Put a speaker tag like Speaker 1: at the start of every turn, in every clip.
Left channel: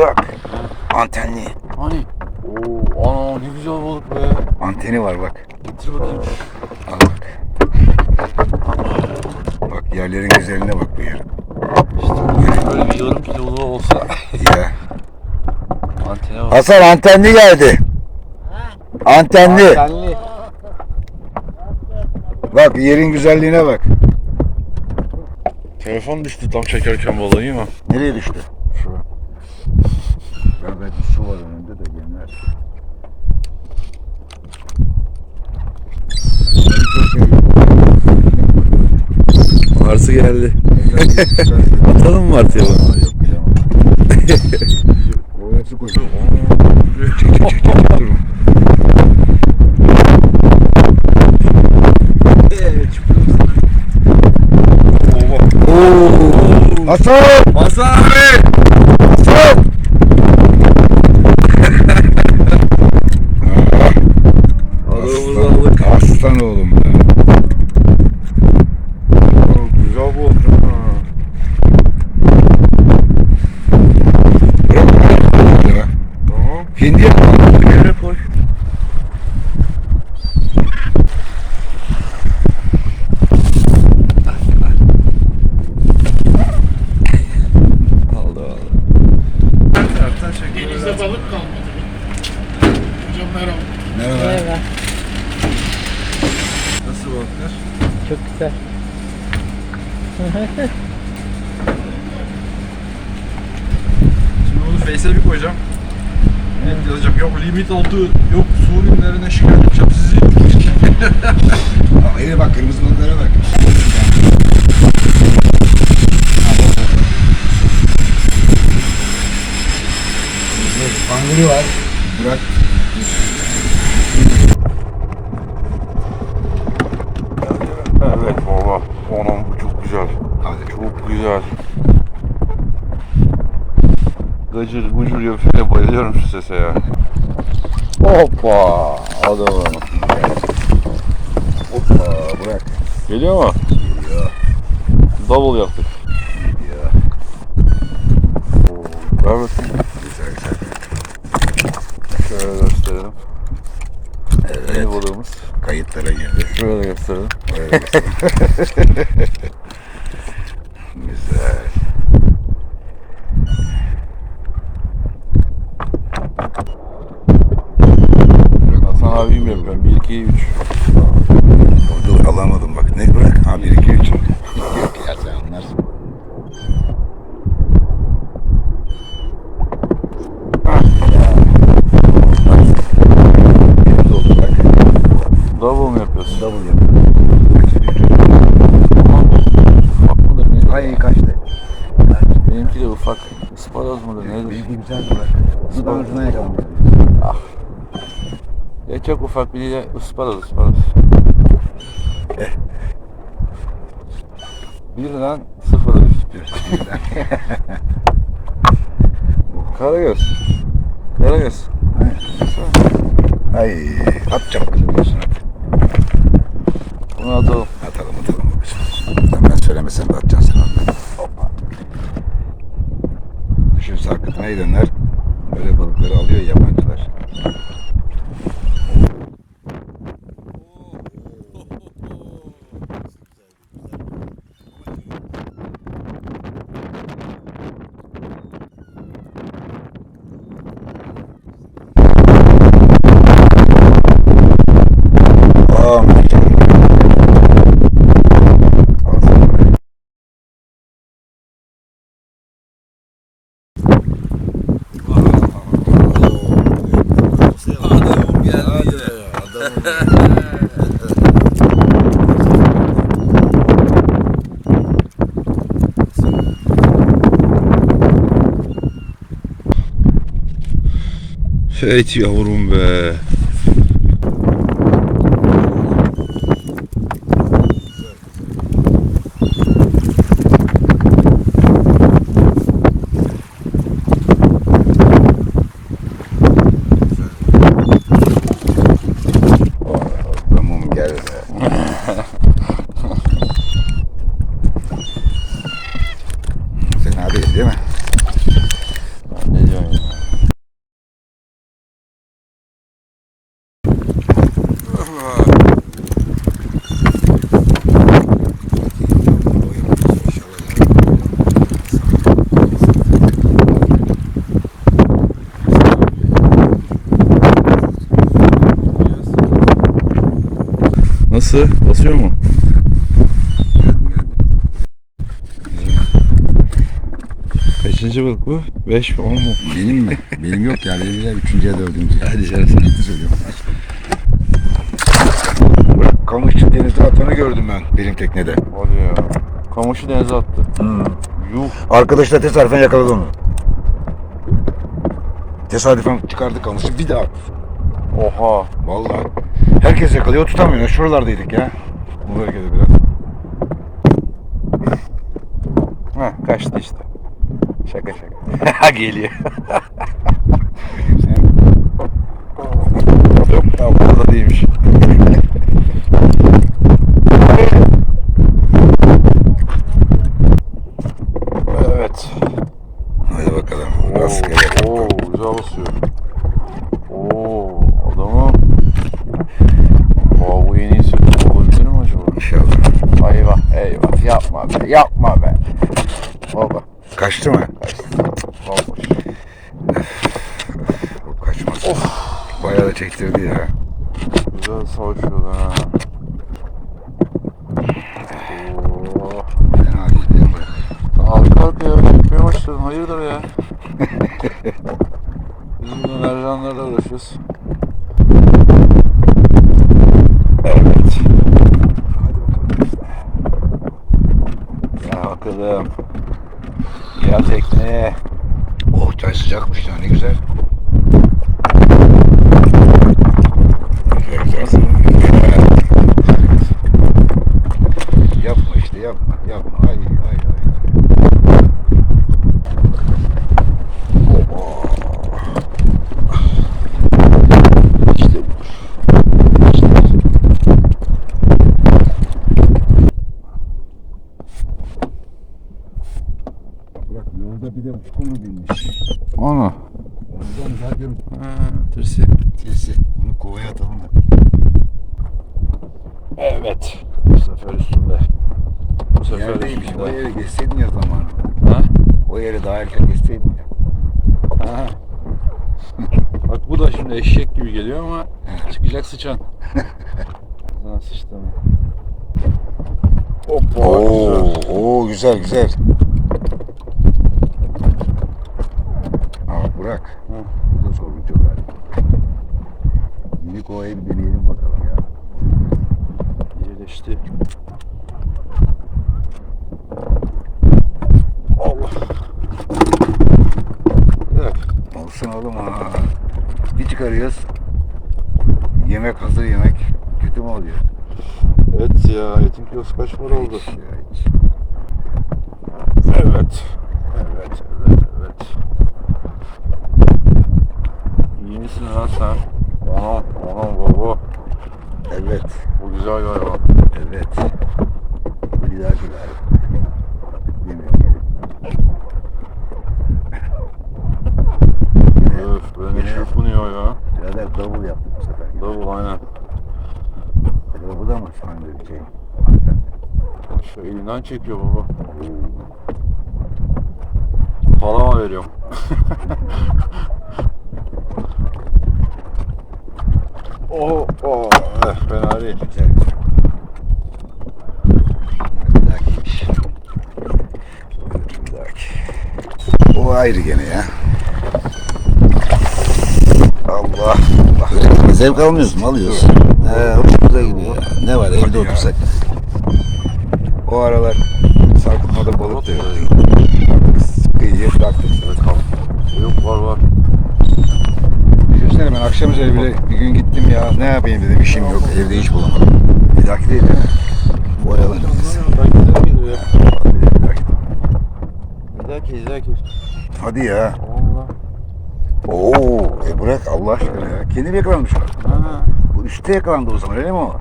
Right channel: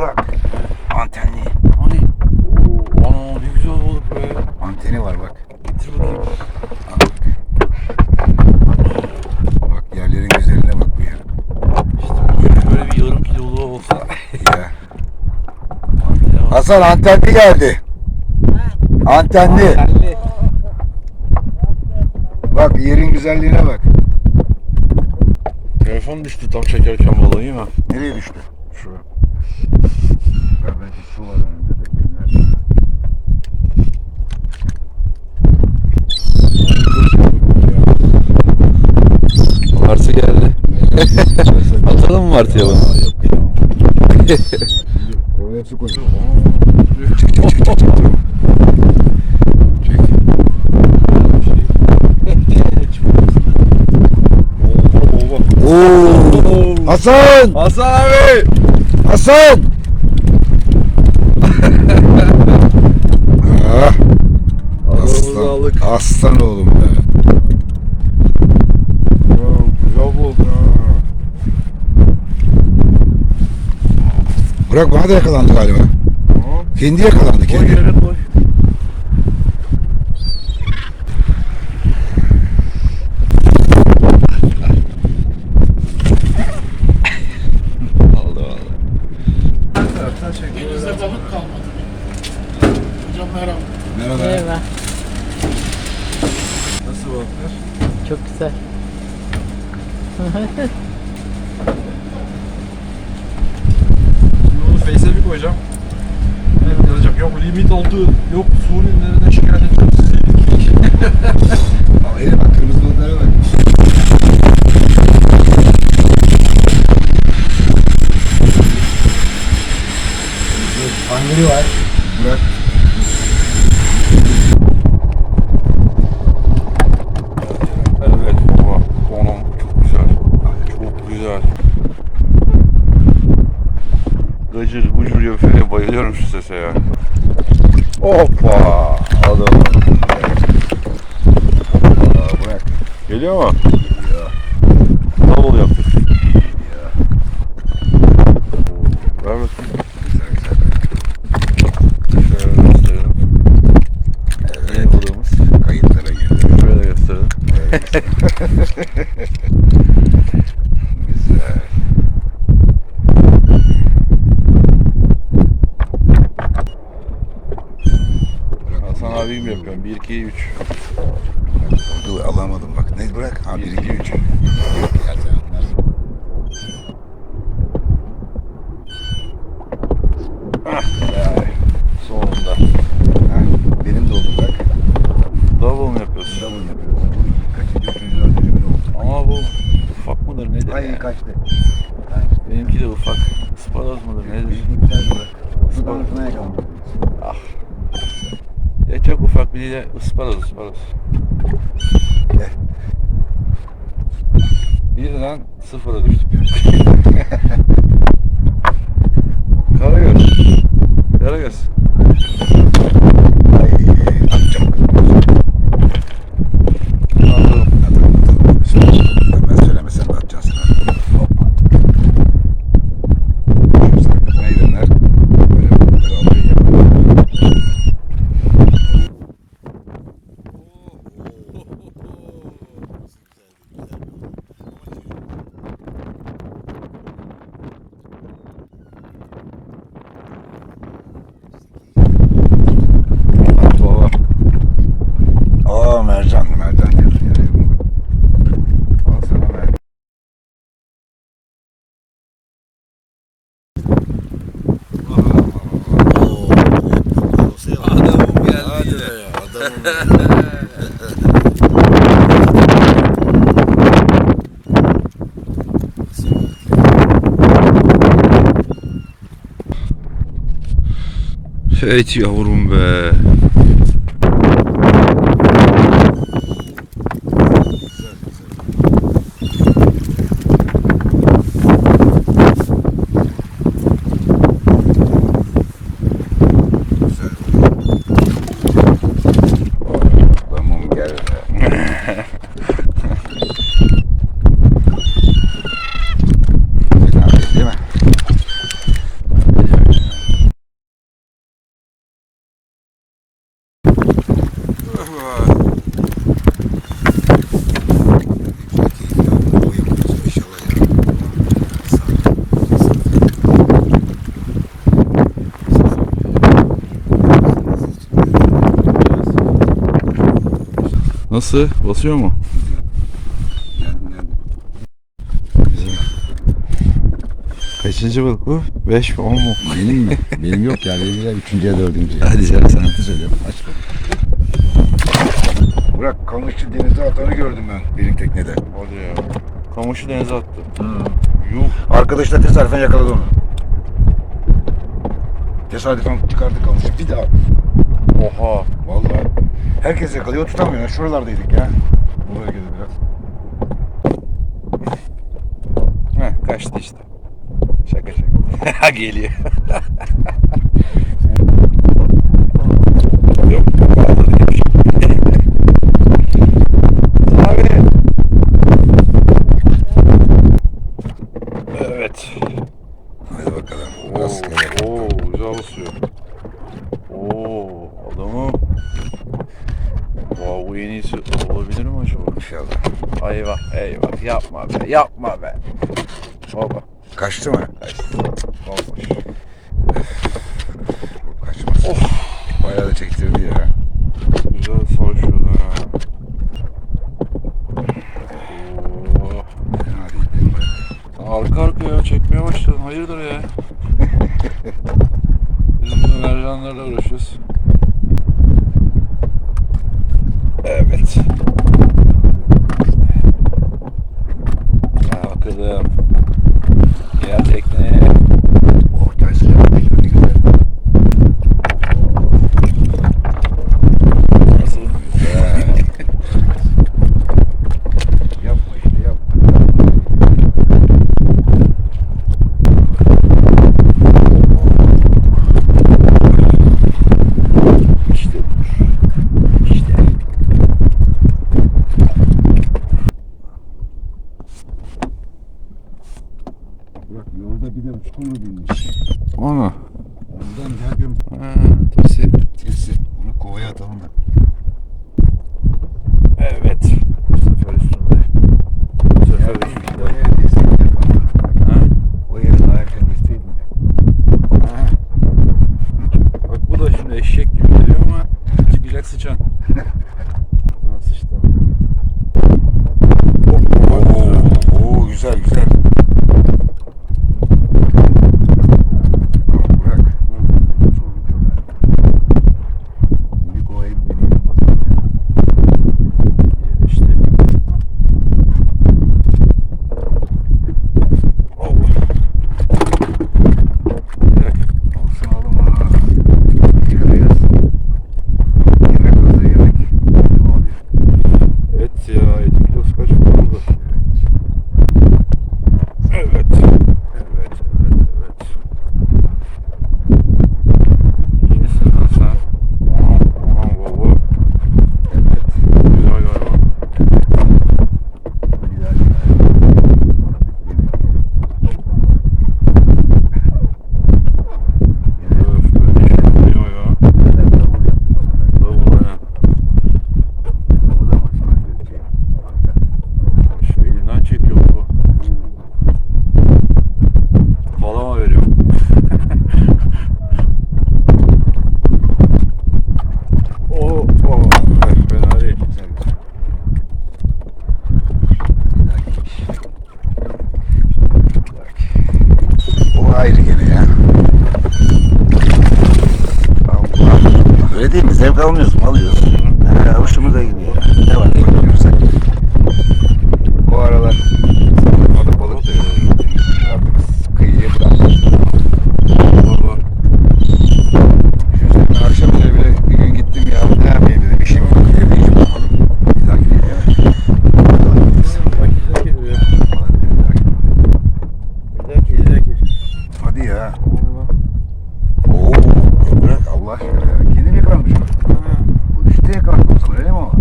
Speaker 1: Burak. Antenli.
Speaker 2: Hani? Oo, ana ne güzel balık be.
Speaker 1: Anteni var bak.
Speaker 2: Getir bakayım.
Speaker 1: Al bak. Bak yerlerin güzeline bak bu yer.
Speaker 2: İşte böyle, böyle bir yarım kilolu olsa
Speaker 1: Ya.
Speaker 2: antene var.
Speaker 1: Hasan antenli geldi. Antenli.
Speaker 2: Antenli.
Speaker 1: Bak yerin güzelliğine bak.
Speaker 2: Telefon düştü tam çekerken balığı iyi mi?
Speaker 1: Nereye düştü?
Speaker 2: Martı geldi. Atalım mı Martı'ya bunu?
Speaker 1: Kovaya su koy. Oo. Hasan!
Speaker 2: Hasan abi!
Speaker 1: Hasan! ah,
Speaker 2: Adamımızı aldık.
Speaker 1: aslan oğlum be.
Speaker 2: Güzel balık ha.
Speaker 1: Bırak bana da yakalandı galiba.
Speaker 2: Tamam.
Speaker 1: Kendi yakalandı.
Speaker 2: Evet yazacağım. Yok limit oldu. Yok su ürünlerine şikayet edeceğim sizi.
Speaker 1: Aa, eline bak kırmızı balıklara bak. Pangolin var. Burak.
Speaker 2: evet baba. Onun bu çok güzel.
Speaker 1: Hadi.
Speaker 2: Çok güzel. Gıcır gucur yapıyor. Bayılıyorum şu sese ya. Hoppa. Adam.
Speaker 1: Aa, Burak.
Speaker 2: Geliyor mu?
Speaker 1: Ya,
Speaker 2: Double yaptık.
Speaker 1: ya.
Speaker 2: Oo, Ver bakayım.
Speaker 1: Güzel güzel.
Speaker 2: Şöyle gösterelim. Yeni balığımız.
Speaker 1: Kayıtlara girdi.
Speaker 2: Şöyle gösterelim.
Speaker 1: Evet. güzel.
Speaker 2: Hasan abim yapıyorum. 1, 2, 3.
Speaker 1: Dur alamadım bak. Ne bırak? Ha 1 2 3. Yok ya sen anlarsın.
Speaker 2: Ah,
Speaker 1: Ya.
Speaker 2: Sonunda.
Speaker 1: Temiz oldu bak.
Speaker 2: Double mu yapıyorsun?
Speaker 1: Double yapıyor.
Speaker 2: Ama bu ufak mıdır nedir?
Speaker 1: Ay
Speaker 2: ya?
Speaker 1: kaçtı.
Speaker 2: Benimki de ufak. Isparoz mudur nedir?
Speaker 1: Bilgi güzel da ucuna yakalandı.
Speaker 2: Ah. Ya çok ufak bir de ısparoz ısparoz.
Speaker 1: Eh.
Speaker 2: Birden sıfıra düştük. Karagöz. Karagöz.
Speaker 1: Ay atacağım kızım.
Speaker 2: Bunu atalım.
Speaker 1: Atalım atalım. Ben söylemesem de atacağız sana. Hoppa. Şu sarkıtmayı döner. Böyle balıkları alıyor yapar. Aa mercan. Al sana böyle.
Speaker 2: Adamım geldi yine. Evet yavrum be.
Speaker 1: Tamam gel. Sen abi değil mi?
Speaker 2: Ne diyorum? Nasıl? Basıyor mu? Kaçıncı balık bu? 5 mi 10 mu?
Speaker 1: Benim mi? Benim yok ya. Benim de üçüncü ya dördüncü.
Speaker 2: Hadi canım sen.
Speaker 1: söylüyorum. Bırak kamışçı denize atanı gördüm ben benim teknede.
Speaker 2: Hadi ya. Kamışı denize attı. Yuh.
Speaker 1: Arkadaş da tesadüfen yakaladı onu. Tesadüfen çıkardı kamışı bir daha.
Speaker 2: Oha.
Speaker 1: Vallahi. Herkes yakalıyor tutamıyor. Şuralardaydık ya. Bu bölgede biraz.
Speaker 2: Heh kaçtı işte. Şaka şaka. Geliyor. Yok ya orada değilmiş. Abi. Evet.
Speaker 1: Hadi bakalım.
Speaker 2: Oo,
Speaker 1: Rastgele.
Speaker 2: oo, güzel basıyor. Oo, adamı. Vay bu en iyisi olabilir mi acaba?
Speaker 1: İnşallah.
Speaker 2: Eyvah, eyvah. Yapma be, yapma be. Baba,
Speaker 1: Kaçtı mı?
Speaker 2: bomboş.
Speaker 1: Bu Kaçmaz. Bayağı da çektirdi ya.
Speaker 2: Güzel savaşıyorlar ha. Oo.
Speaker 1: Fena değil değil mi?
Speaker 2: Arka arkaya çekmeye başladın. Hayırdır ya? Biz burada mercanlarla uğraşıyoruz. Evet. Ya bakalım. Gel tekneye.
Speaker 1: Oh çay sıcakmış ya ne güzel.
Speaker 2: Nasıl?
Speaker 1: Yapma işte yapma. Yapma. Hayır, hayır, hayır. Oh. İşte bu. İşte. Bırak yolda bir de uçku mu binmiş?
Speaker 2: Ana.
Speaker 1: Ondan daha görüm.
Speaker 2: Ha, tırsı.
Speaker 1: Sesi. Bunu kovaya atalım da.
Speaker 2: Evet. Bu sefer üstünde. Bu sefer
Speaker 1: Yerdeymiş. O
Speaker 2: üstünde.
Speaker 1: yeri geçseydin ya tamam.
Speaker 2: Ha?
Speaker 1: O yeri daha erken geçseydin ya.
Speaker 2: Ha. Bak bu da şimdi eşek gibi geliyor ama çıkacak sıçan. Sana sıçtım.
Speaker 1: Oo, oo güzel güzel. Aa, Burak. Sorun çok önemli. Minik ovaya bir deneyelim bakalım ya.
Speaker 2: İyileşti. Allah. Bir dakika.
Speaker 1: Olsun oğlum ha. Bir çıkarıyoruz. Yemek hazır yemek. Kötü mü oluyor?
Speaker 2: Evet ya etin kilosu kaç para oldu?
Speaker 1: Evet.
Speaker 2: Evet. Evet, evet, evet. İyi misin lan sen? Anam, anam baba.
Speaker 1: Evet.
Speaker 2: Güzel galiba.
Speaker 1: Evet. Bir daha bir daha.
Speaker 2: Öf, beni çırpınıyor ya.
Speaker 1: Neden davul yaptım bu sefer?
Speaker 2: Davul aynen.
Speaker 1: Davul ama sen de bir şey.
Speaker 2: Elinden çekiyor baba. Kalama veriyorum. oh, oh, eh, fena değil.
Speaker 1: O ayrı gene ya. Allah. Bak öyle değil mi? Zevk almıyoruz mu? Alıyoruz. He, hoşumuza gidiyor. Ne var evde otursak. O aralar sen hadi balık da Artık kıyıya bırakmışsın.
Speaker 2: Var var.
Speaker 1: Düşünsene ben akşam üzeri bile bir gün gittim ya ne yapayım dedim işim yok. Evde hiç bulamadım. Bir dahaki değil
Speaker 2: ki.
Speaker 1: Hadi ya.
Speaker 2: Valla.
Speaker 1: Oo, e bırak Allah aşkına ya. Kendim yakalanmış.
Speaker 2: Ha,
Speaker 1: Bu üstte yakalandı o zaman öyle mi o?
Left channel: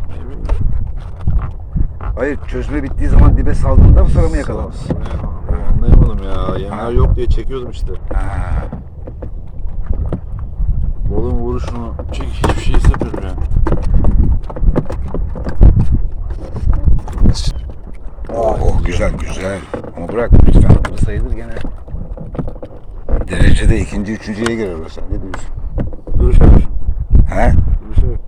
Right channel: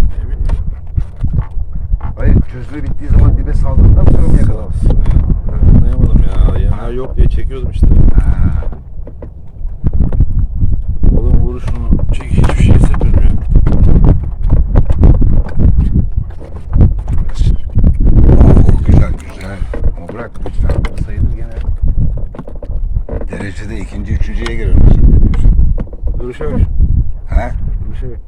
Speaker 1: Hayır çözme bittiği zaman dibe saldığında mı sonra mı yakalandı?
Speaker 2: Anlayamadım ya. Yemler yok diye çekiyordum işte.
Speaker 1: Ha,
Speaker 2: Balığın vuruşunu çek hiçbir şey hissetmedim yani.
Speaker 1: Oh, güzel güzel. Ama bırak lütfen. Sayılır gene. Derecede ikinci, üçüncüye girer mesela. Ne diyorsun?
Speaker 2: Duruş abi.
Speaker 1: He?
Speaker 2: Duruş abi.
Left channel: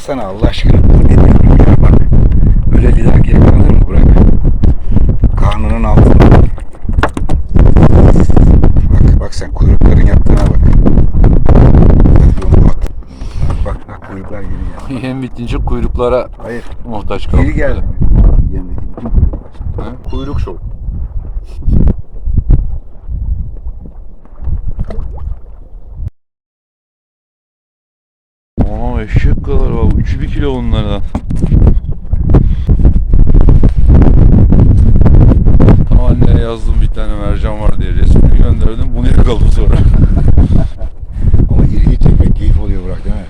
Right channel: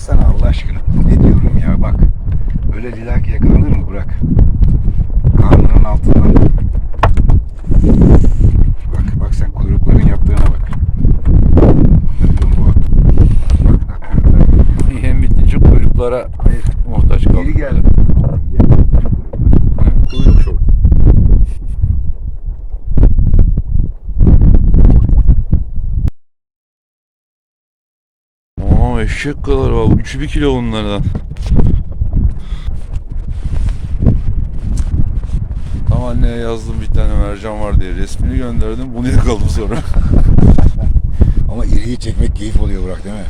Speaker 1: baksana Allah aşkına. Ne diyorum ya bak. Öyle lidah yakalanır mı Burak? Karnının altına. Bak bak sen kuyrukların yaptığına bak. Bak bak kuyruklar.
Speaker 2: Yem kuyruklara
Speaker 1: Hayır.
Speaker 2: muhtaç kaldık.
Speaker 1: Geri gel.
Speaker 2: Kuyruk şov. Aa eşek kadar var. Üçü bir kilo bunlardan. Tam anneye yazdım bir tane mercan var diye. Resmini gönderdim. Bunu yakaladım sonra.
Speaker 1: Ama iriyi çekmek keyif oluyor Burak değil mi?